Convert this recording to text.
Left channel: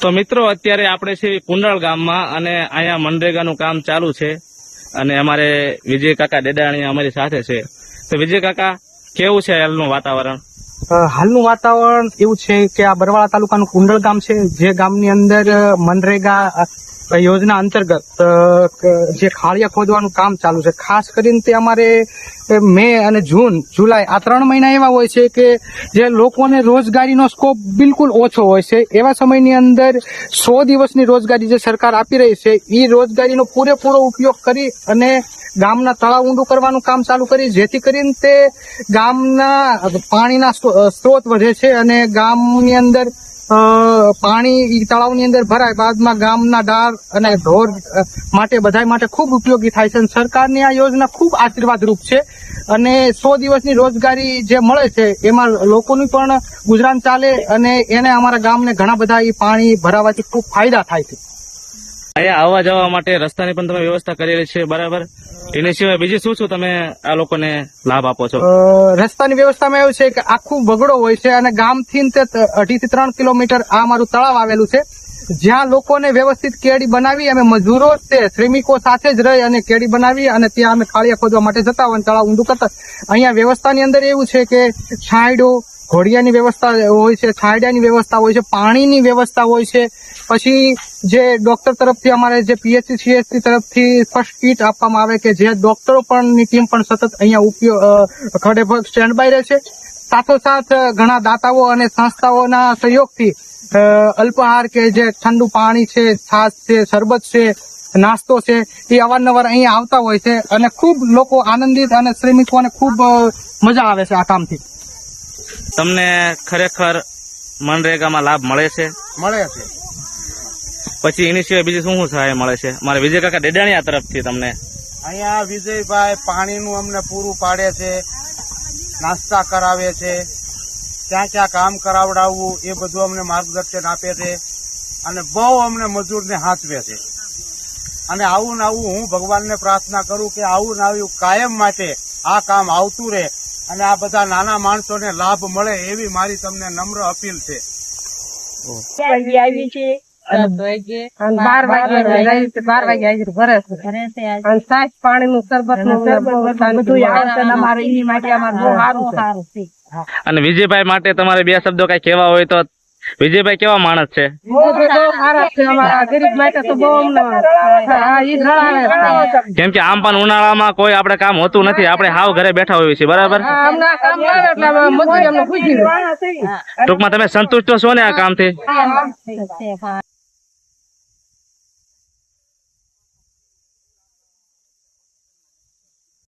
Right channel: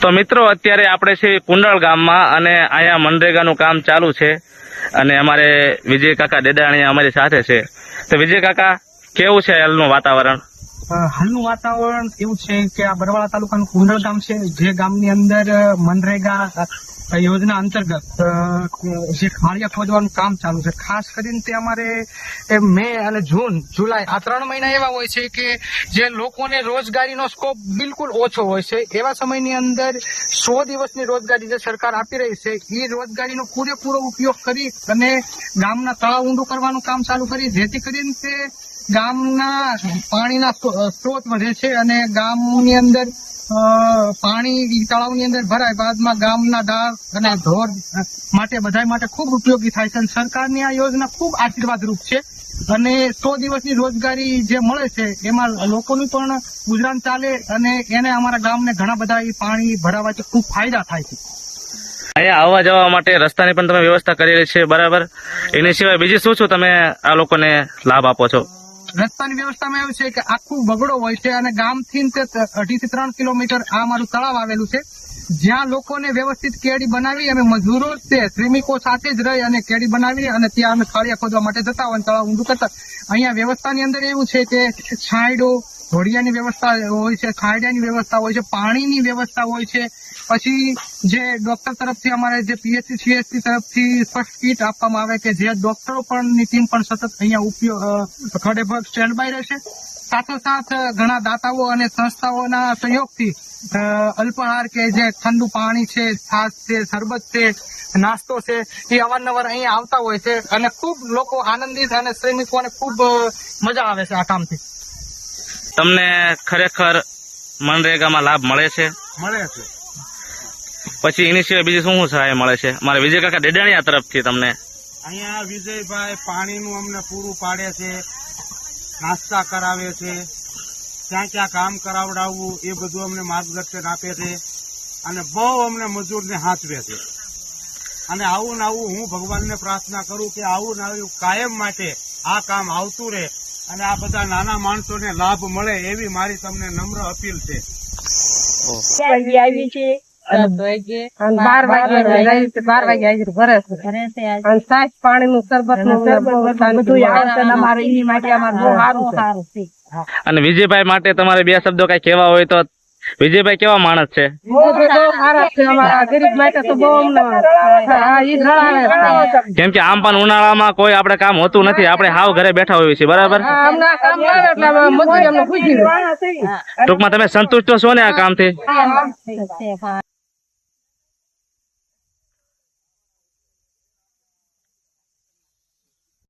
તો મિત્રો અત્યારે આપણે છે કુંડળ ગામમાં અને અહીંયા મનરેગાનું કામ ચાલુ છે અને અમારે વિજય કાકા ડેડાણી અમારી સાથે છે. તો વિજય કાકા, કેવું છે હાલનું વાતાવરણ? હાલનું વાતાવરણ એવું છે કે આ બરવાળા તાલુકાનું કુંડળ ગામ છે, જે ગામની અંદર મનરેગા યોજના અંતર્ગત જે ખાળિયા ખોદવાનું કામ ચાલુ છે. ખાસ કરીને તે અમારે મે અને જૂન, જુલાઈ આ 3 મહિના એવા હોય છે કે જે લોકોને રોજગારીનો સ્કોપ બિલકુલ ઓછો હોય છે. એવા સમયની અંદર 100 દિવસની રોજગારી જે સરકાર આપી રહી છે, એ રોજગારીનો પૂરેપૂરો ઉપયોગ કરી અને ગામના તળાવ ઊંડું કરવાનું કામ ચાલુ કરી, જેથી કરીને તે ગામના પાણીના સ્ત્રોત વધે છે અને ગામની અંદર પાણી તળાવની અંદર ભરાય બાદમાં ગામના ડાર અને ઢોર માટે બધા માટે ખૂબ ઉપયોગી થાય છે. સરકારની આ યોજના ખૂબ આશીર્વાદરૂપ છે અને 100 દિવસની રોજગારી જે મળે છે એમાં લોકોનું પણ ગુજરાન ચાલે અને એને અમારા ગામને ઘણા બધા પાણી ભરાવાથી ખૂબ ફાયદા થાય છે. અહીંયા આવવા જવા માટે રસ્તાની પણ તમે વ્યવસ્થા કરેલી છે, બરાબર? એની સિવાય બીજી શું તમે આ લોકોને લાભ આપો છો? રસ્તાની વ્યવસ્થામાં એવું છે કે આખું વગડો હોય છે અને ગામથી 2.5 થી 3 કિલોમીટર આ મારું તળાવ આવેલું છે, જ્યાં લોકોને વ્યવસ્થિત કેડી બનાવી અમે મજૂરો તે શ્રમિકો સાથે જ રહી અને કેડી બનાવી અને ત્યાં અમે ખાળિયા ખોદવા માટે જતા હોય, તળાવ ઊંડું કરતા. અહીંયા વ્યવસ્થાની અંદર એવું છે કે છાંયડો, ઘોડિયાની વ્યવસ્થા હોય છે, છાંયડાની વ્યવસ્થા હોય છે, પાણીની વ્યવસ્થા હોય છે. પછી જે ડોક્ટર તરફથી અમારે જે પીએચસી સીએચસી તરફથી ફર્સ્ટ કીટ આપવામાં આવે કે જે ડોક્ટરો પણની ટીમ પણ સતત અહીંયા ખડે સ્ટેન્ડ બાય રહેશે. સાથોસાથ ઘણા દાતાઓ અને સંસ્થાઓના સહયોગથી અલ્પાહાર કે જે ઠંડુ પાણી છે, છાશ છે, શરબત છે, નાસ્તો છે, એ અવારનવાર અહીંયા આવતા હોય છે અને ખૂબ લોકો આનંદિત અને શ્રમિકોને ખૂબ મજા આવે છે આ કામથી. તમને ખરેખર મનરેગામાં લાભ મળે છે? મળે છે. પછી એની સિવાય બીજી શું સહાય મળે છે? મારે વિજય કાકા ડેડાણીયા તરફથી તમને અહીંયા વિજયભાઈ પાણીનું અમને પૂરું પાડે છે, નાસ્તા કરાવે છે, ક્યાં ક્યાં કામ કરાવડાવવું એ બધું અમને માર્ગદર્શન આપે છે અને બહુ અમને મજૂરને હાંચવે છે. અને આવું ને આવું હું ભગવાનને પ્રાર્થના કરું કે આવું ને આવું કાયમ માટે આ કામ આવતું રહે અને આ બધા નાના માણસોને લાભ મળે એવી મારી તમને નમ્ર અપીલ છે. આવી છે 12 વાગે ભરે છે અને સાસ પાણીનું શરબત બધું અમારે એની માટે અમારે બહુ સારું છે. અને વિજયભાઈ માટે તમારે 2 શબ્દો કઈ કહેવા હોય તો? વિજયભાઈ કેવા માણસ છે? ગરીબ માટે તો બહુ કેમ કે આમ પણ ઉનાળામાં કોઈ આપણે કામ હોતું નથી, આપણે હાવ ઘરે બેઠા હોઈએ છીએ, બરાબર? ટૂંકમાં તમે સંતુષ્ટ છો ને આ કામથી?